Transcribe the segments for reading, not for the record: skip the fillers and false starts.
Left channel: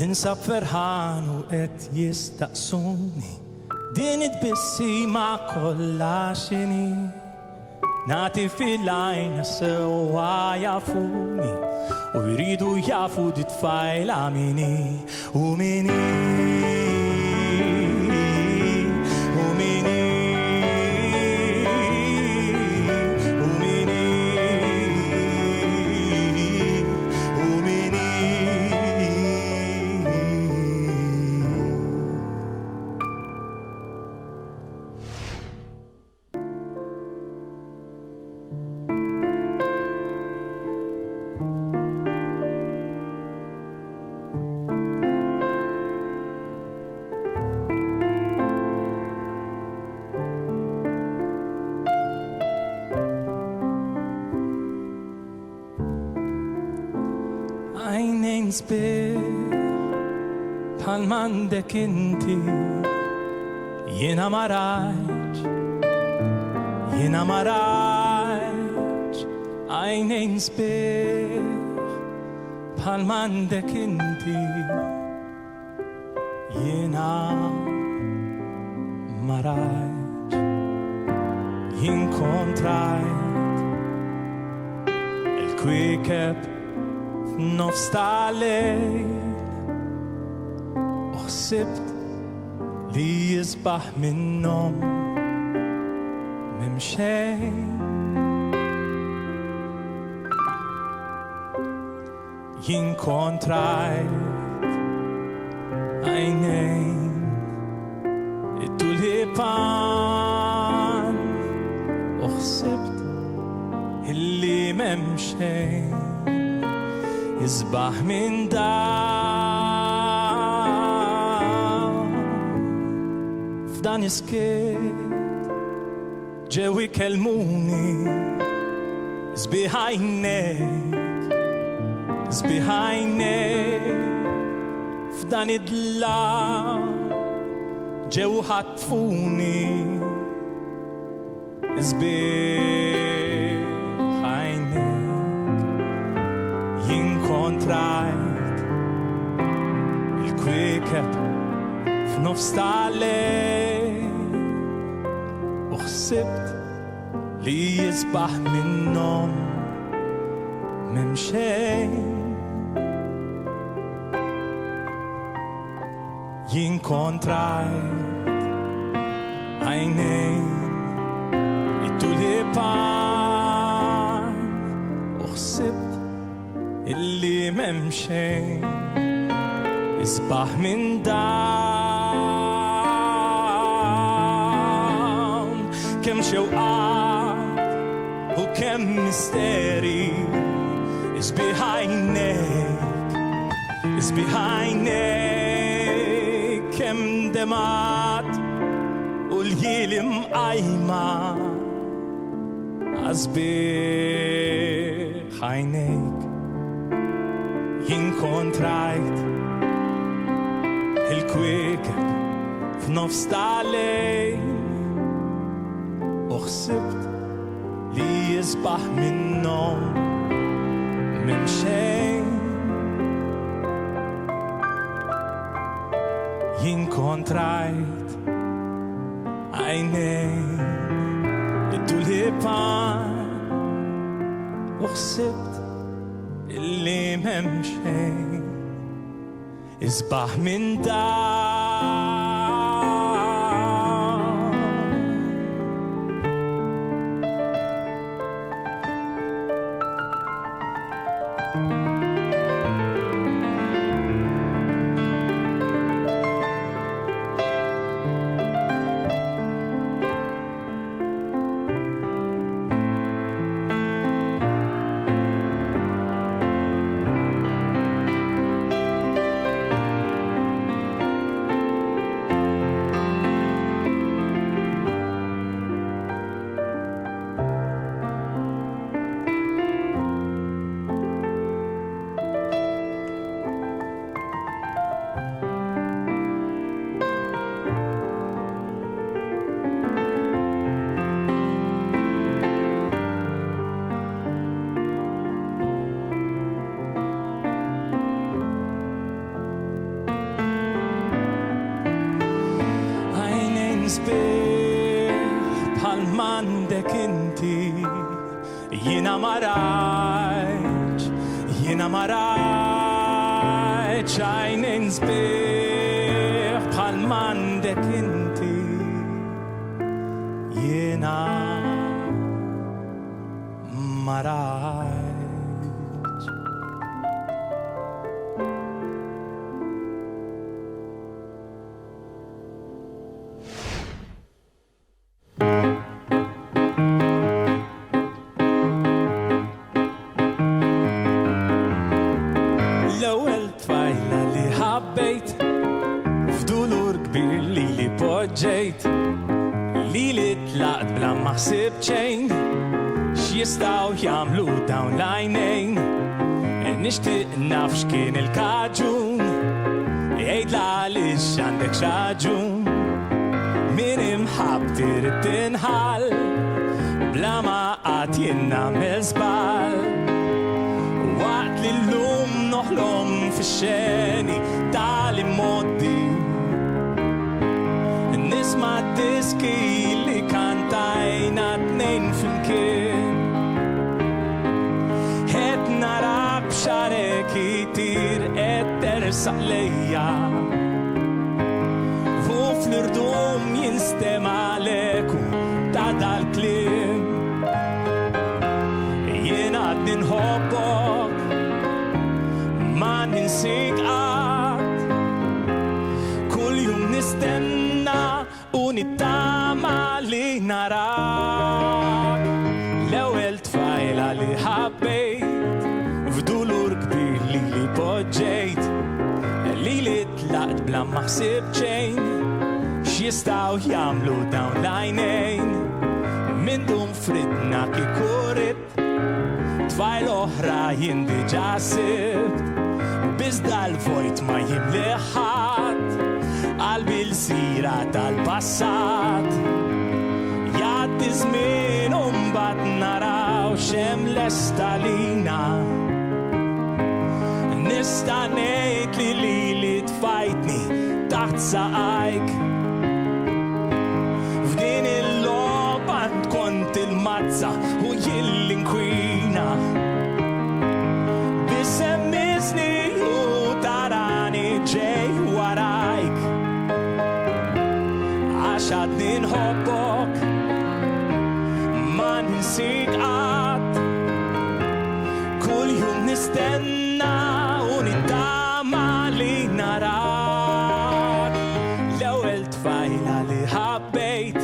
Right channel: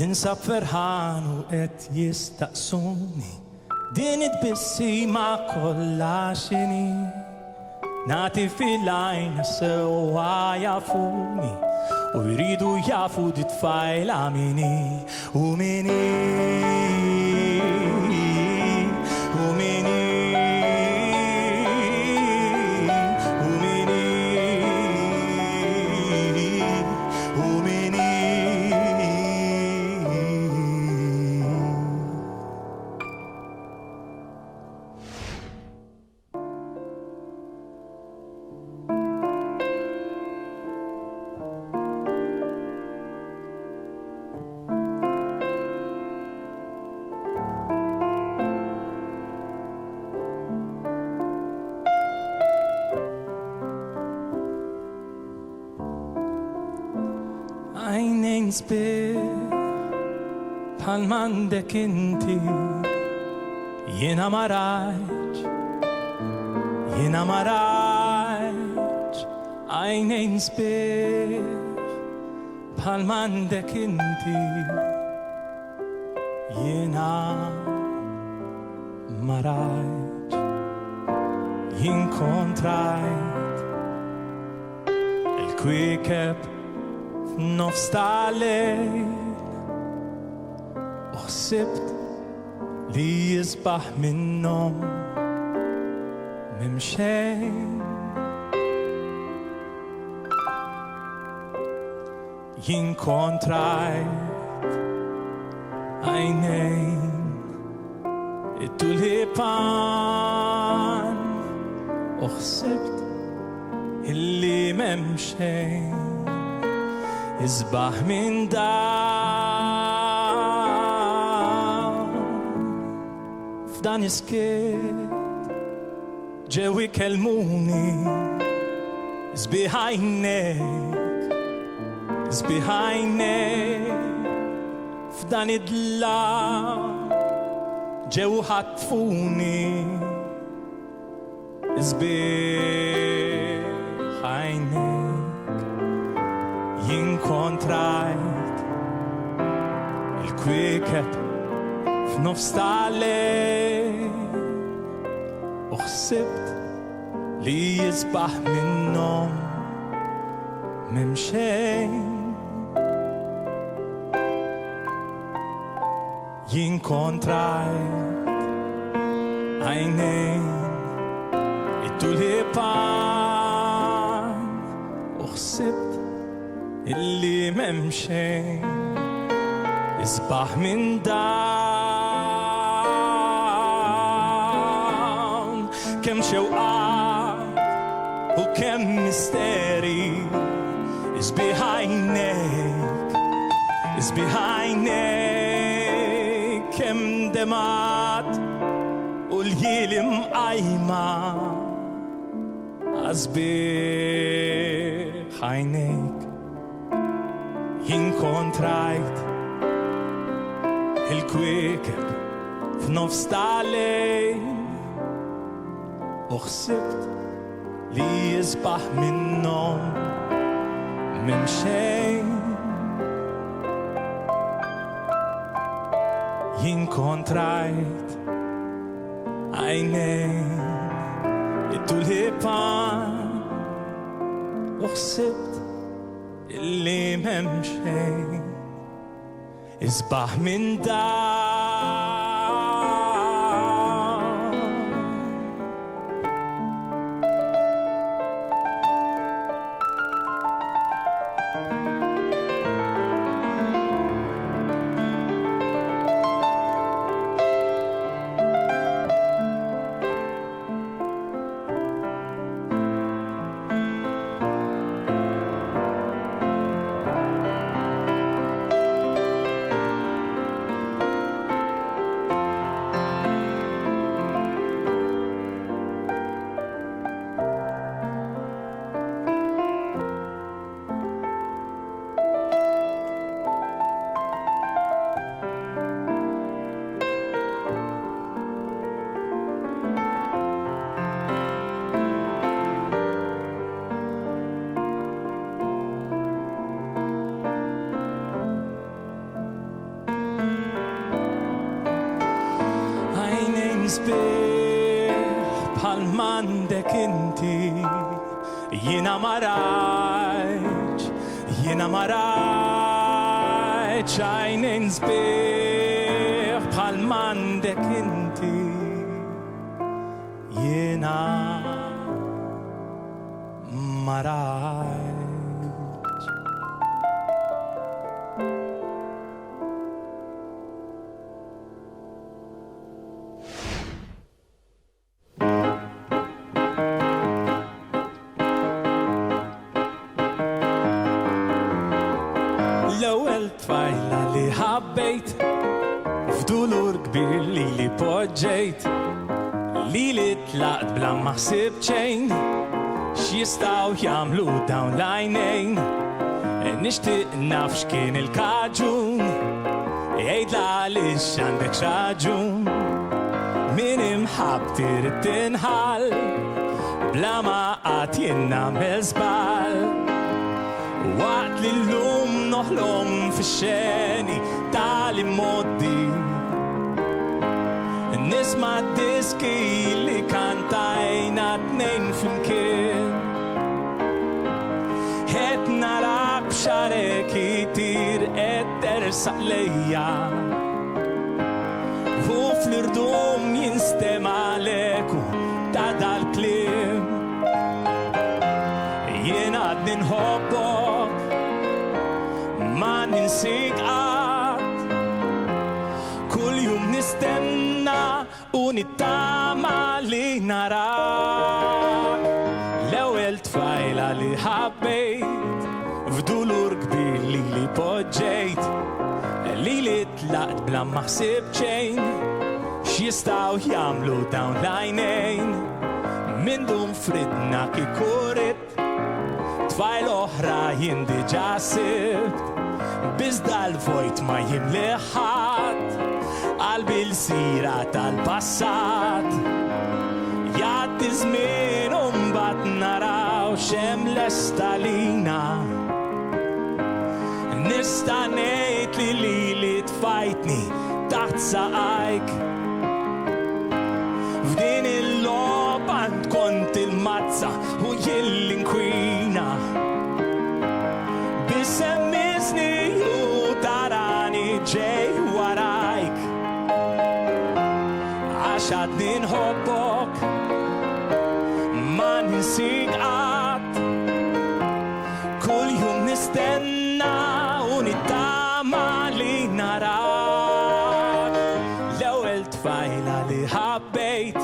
ننسى فرحان وقت يستقسوني دين تبسي مع كل عشني نعطي في العين سوا يعفوني ويريدوا يعفوا دي تفايل عميني عينين سبيح بحال ما عندك انتي ينا مراج عينين سبيح بحال ما عندك انتي ينا مراج ينكونترايت الكويكب نفس الليل وحسبت لي يصبح من النوم ممشين ينكونترايت عينين التوليبان وحسبت اللي ممشين يصبح من دام فدان يسكت جو يكلموني يصبح عينيك فدان يدلع جو حتفوني يصبح عينيك ينكونترايت الكويكب في نفس الليل وحسبت لي يصبح من النوم ممشين ينكونترايت عينين التوليبان وحسبت اللي ممشي يصبح من دام كم شوقات وكم مستري يصبح عينيك كم دمعت واليل مقايمة أصبح عينيك ينكونترايت الكويكب في نفس الليل وحسبت لي يصبح من النوم ممشين ينكونترايت عينين التوليبان وحسبت اللي ممشي يصبح من دام sbieħ bħal m'għandek inti. Jiena ma rajtx għajnejn sbieħ bħal m'għandek inti. Jiena ma rajtx. L-ewwel tfajla li ħabbejt f'dulur kbir li poġġejt, li tlaqt bla ma ħsibt xejn x'jistgħu jagħmlu dawn l-għajnejn. Nixtieq naf x'kien il-kaġun, jgħidla għaliex għandek x'raġun. Min imħabb trid tinħall bla ma qatt jien nagħmel żball. Waqt li llum noħlom fix-xeni tal-immoddi, nisma' diski li kantajna tnejn flimkien. Qed narak b'xarek itir qed tersaq lejja, u fl-irdum jinstema' l-eku ta' dal-kliem. Jien għadni nħobbok, ma ninsik qatt. Kull jum nistenna u nittama li narak. L-ewwel tfajla li ħabbejt f'dulur kbir li poġġejt, li tlaqt bla ma ħsibt xejn x'jistgħu jagħmlu dawn l-għajnejn. Min dum fridna kikurit tfajl oħra jien diġà sibt, biżda l-vojt ma jimli ħadd, qalbi l-sira tal-passat. Jgħaddi żmien u mbagħad naraw x'hemm lesta lina. Nista' ngħid li tfajtni taħt saqajk. F'din il-logħba kont il-mazza u jien l-inkwina. Bisemmiżni u tarani ġej warajk, għax għadni nħobbok, ma ninsik qatt. Kull jum nistenna u nittama li narak. L-ewwel tfajla li ħabbejt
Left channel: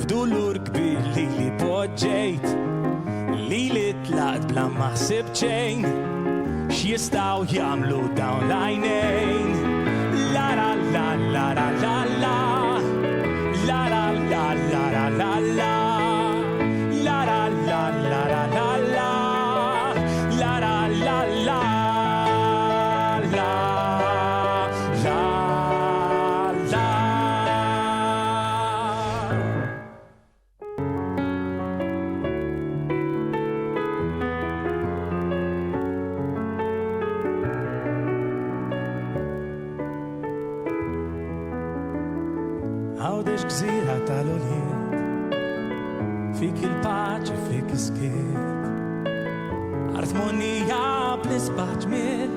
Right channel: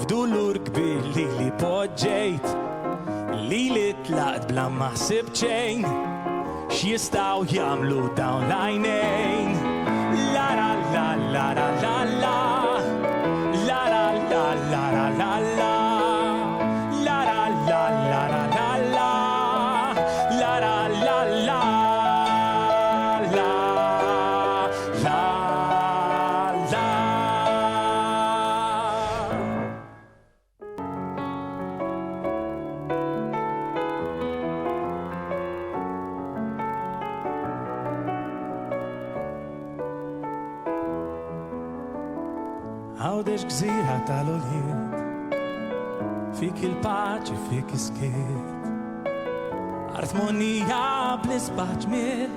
f'dulur kbir li poġġejt, li tlaqt bla ma ħsibt xejn x'jistgħu jagħmlu dawn l-għajnejn. La la la la la la la, la la la la la la la, la la la la la la la, la la la la la la la. Għawdex gżira tal-oljiet, fik il-paċi, fik iskiet. Armonija bl-isbaħ ġmiel,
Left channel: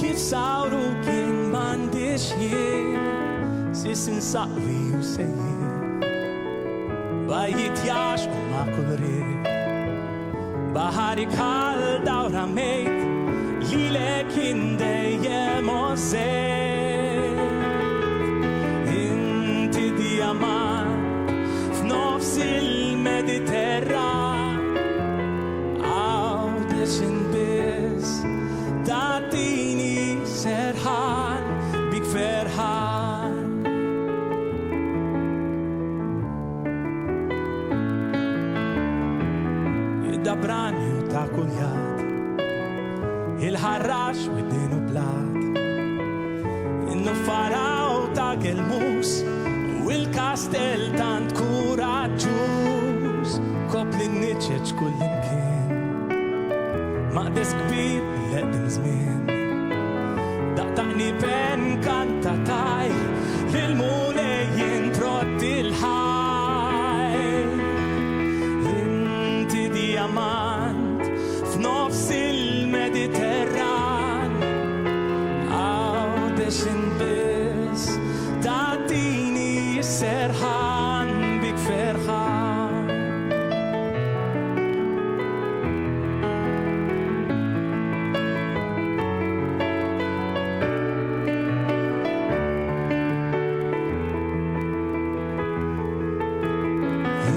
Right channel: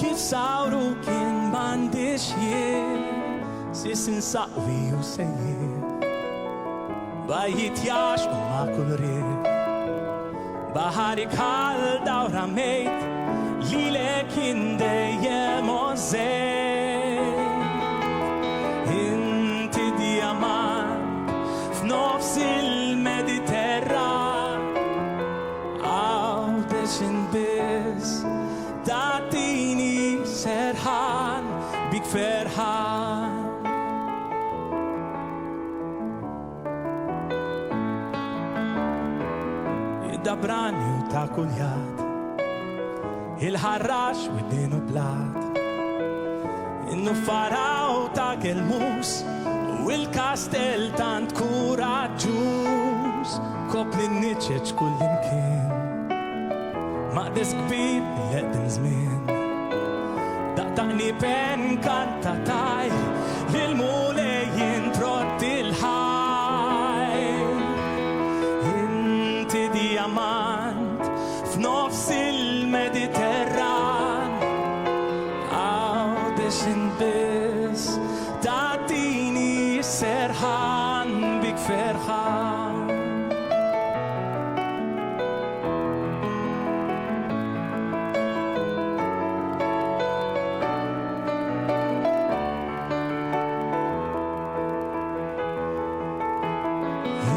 kif sawru kien m'għandix jiel. Sis insaqwi u sejjer, bajjit jax u ma' kull riek. Baħarik ħal dawra mejt, li lek jien dejjem ożejt. Inti dijamant f'nofs il-Mediterran, għawdex inbiss tatini serħan bik ferħan. Id-dabrani u ta' kuljat, il-ħarrax u id-dinu blat, in-nuffaraw ta' gelmus u il-kastel tant kuraġġuż. Kopli n-niċċeċ kullimkien, maqdes kbir l-eqdim żmien. daqtaqni pen kantataj lil-mulejn trotti l-ħaj. Inti diamant f'nofs il-Mediterran, għawdex bis ta'tini serħan bik ferħan.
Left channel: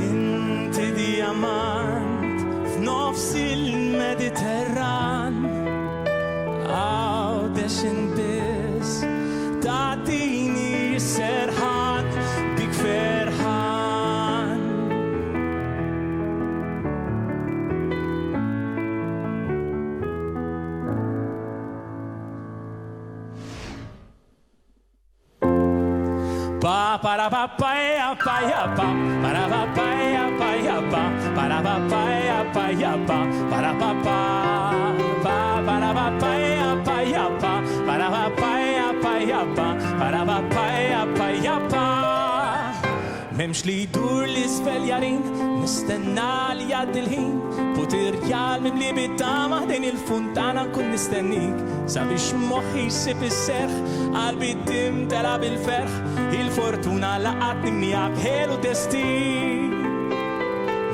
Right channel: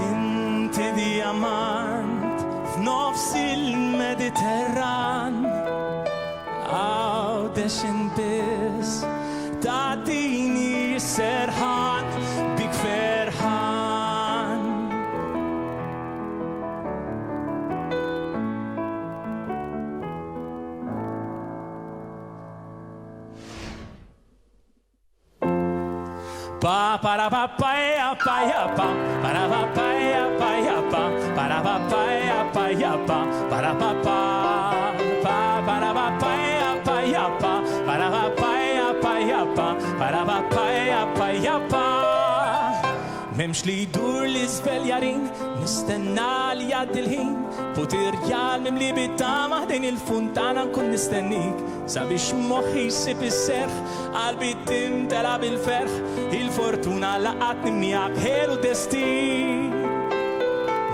Inti diamant f'nofs il-Mediterran, għawdex bis ta'tini serħan bik ferħan. Pa para pa pa ya pa ya pa para pa pa ya pa ya pa para pa pa ya pa ya pa para pa pa para pa pa ya pa ya pa para pa pa ya pa ya pa para pa pa ya pa ya pa. Memx li dur li svel jarin, nistenna li jgħaddi l-ħin, poterjal mimli bit-tama din il-funtana nkun nistennik, sabiex moħħi jsib is-serħ, qalbi timtela bil-ferħ, il-fortuna laqatni miegħek ħelu destin.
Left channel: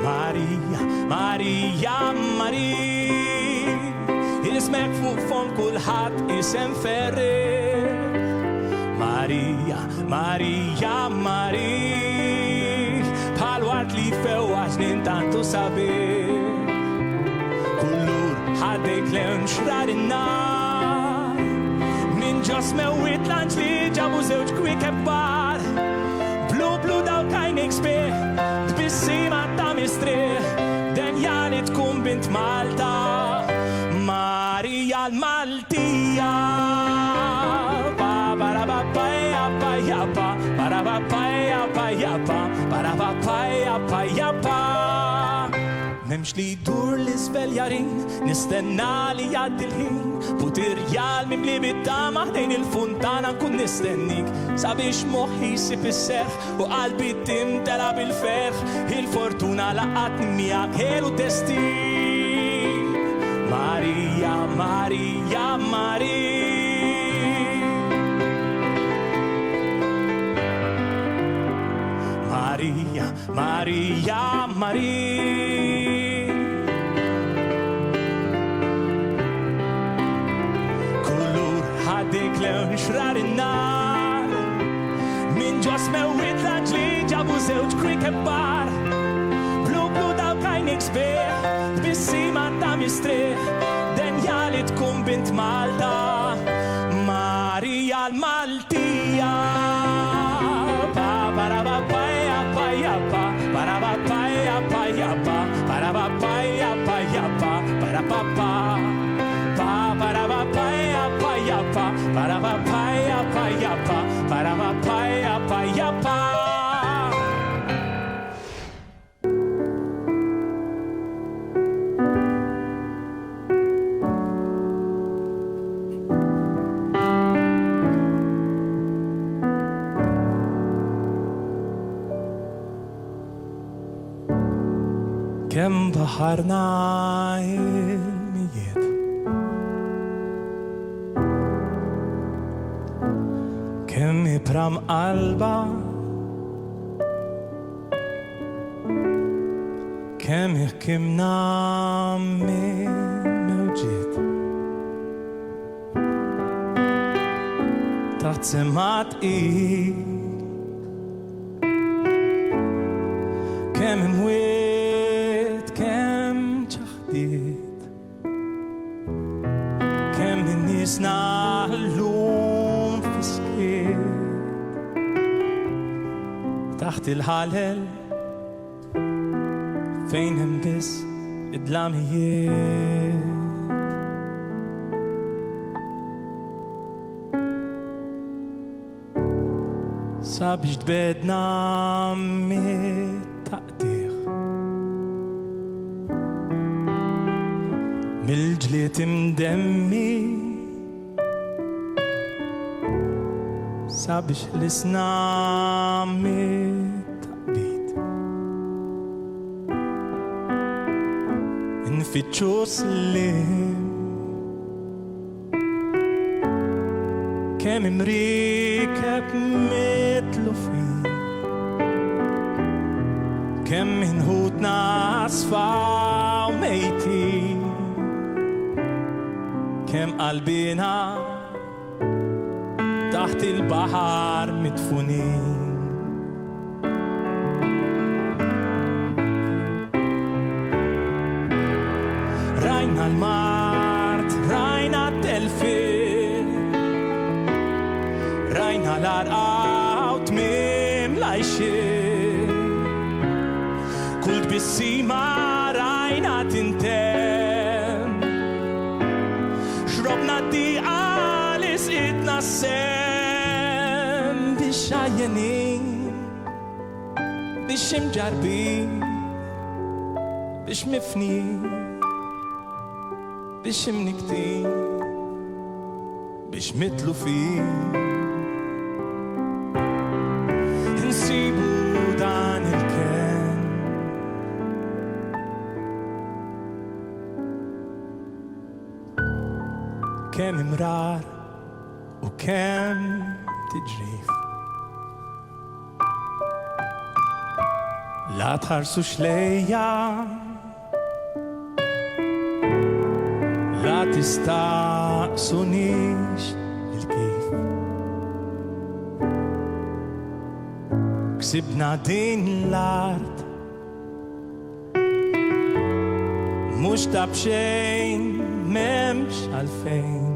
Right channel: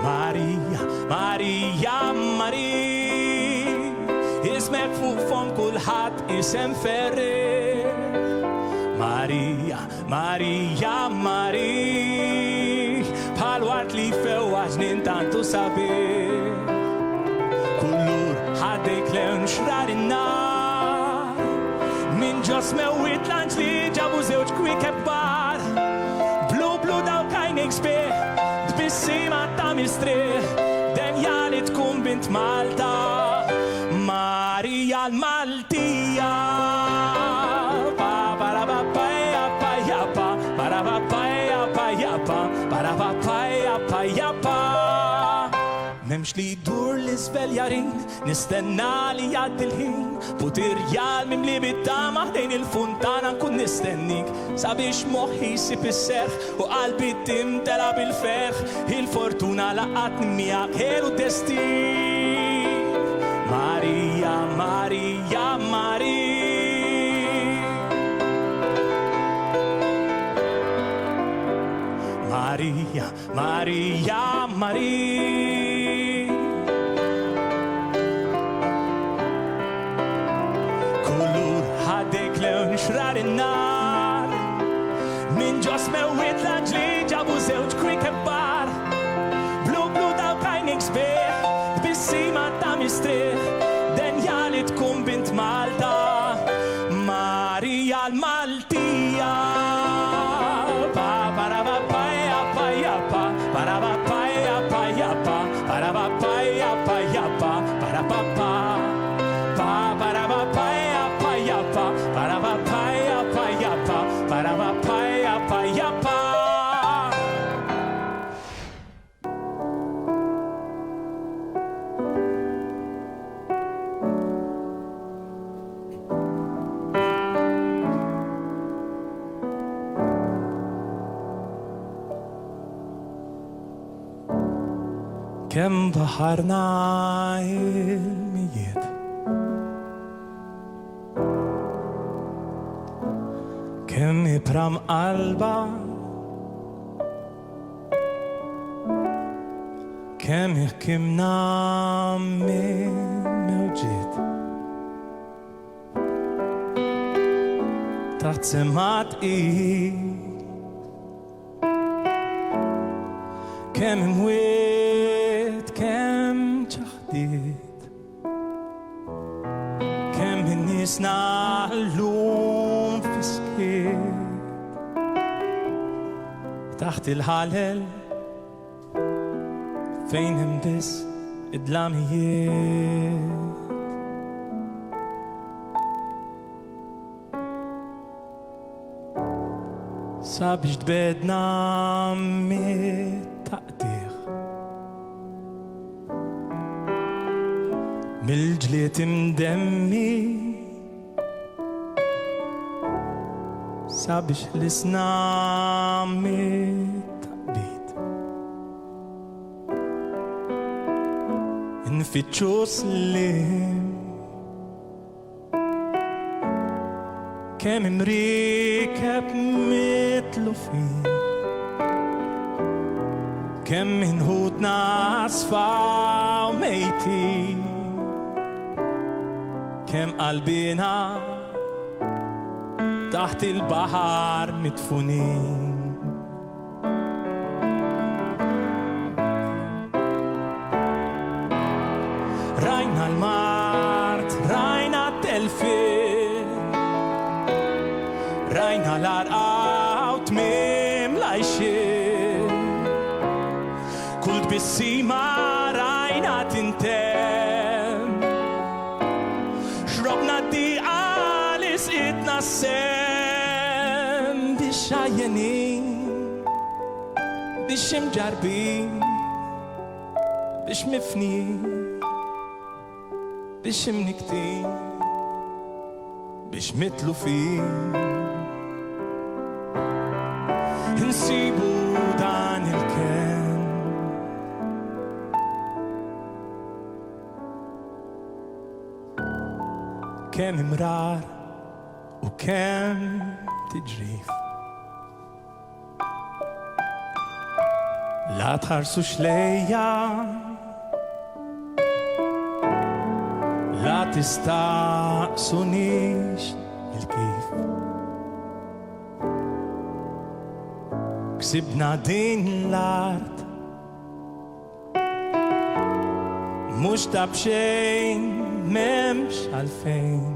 Marija, Marija, Marija, ismek fuq fom kulħadd isem ferri. Marija, Marija, Marija, bħal wart li fewwaġ nintantu sabiħ. Kullur ħaddejk lewn xrar in-nar, min ġos mewwit lanċ li ġabu żewġ kwik kbar. Blu blu daw kajnik sbieħ, tbissima ta' mistrieħ, denja li tkun bint Malta. Marija l-Maltija, pa para pa pa ya pa ya pa para pa pa ya pa ya pa para pa pa ya pa ya pa. Memx li dur li svel jarin, nistenna li jgħaddi l-ħin, poterjal mimli bit-tama dejn il-funtana nkun nistennik, sabiex moħħi jsib is-serħ u qalbi timtela bil-ferħ, il-fortuna laqatni miegħek ħelu destin. Marija, Marija, Marija, Marija, Marija, Marija, kullur ħaddejk lewn xrar in-nar, min ġos mewwit lanċ li ġabu żewġ kwik kbar. Blu blu daw kajnik sbieħ, tbissima ta' mistrieħ, denja li tkun bint Malta. Marija l-Maltija, pa para pa pa ya pa ya pa para pa pa ya pa ya pa para pa pa ya pa ya pa para pa pa para pa pa ya pa ya pa para pa pa ya pa ya pa para pa pa ya pa ya pa. Kem baħarna il-mijiet, kem ibram qalba, kem jħkimna min mewġiet, taħt semat kem imwiet, kem ċaħdiet, kem bin-niesna llum fiskiet, taħt il-ħalel fejn hemm biss id-dlamijiet. Sabiex tbedna mit-taqdieħ, mil-ġliet imdemmi, sabiex l-isna mit-taqbit nfittxu slim kemm imriekeb mitlufin kemm inħudna asfaw mejtin kemm qalbina taħt il-baħar mitfunin rajna l-mart, rajna t-telfin rajna l-arqaw tmim lajxin kull tbissima rajna tintem xrobna d-diqa li sqitna sem biex xajjenin biex imġarbin biex mifnin biex imniktin biex mitlufin insibu dan il-ken kemm imrar u kemm tiġrif la tħarsux lejja la tistaqsunix il-kif ksibna din l-art mux tabxejn memx għalfejn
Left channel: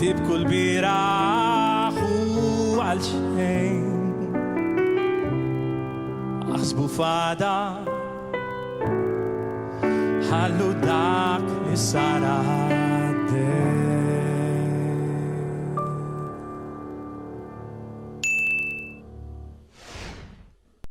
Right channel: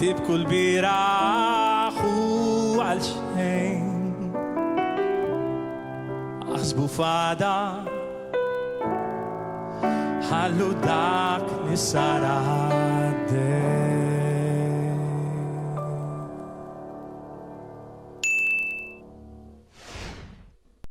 tibku l-biraħ u għal-xejn aħsbu fada ħallu dak li sara għaddej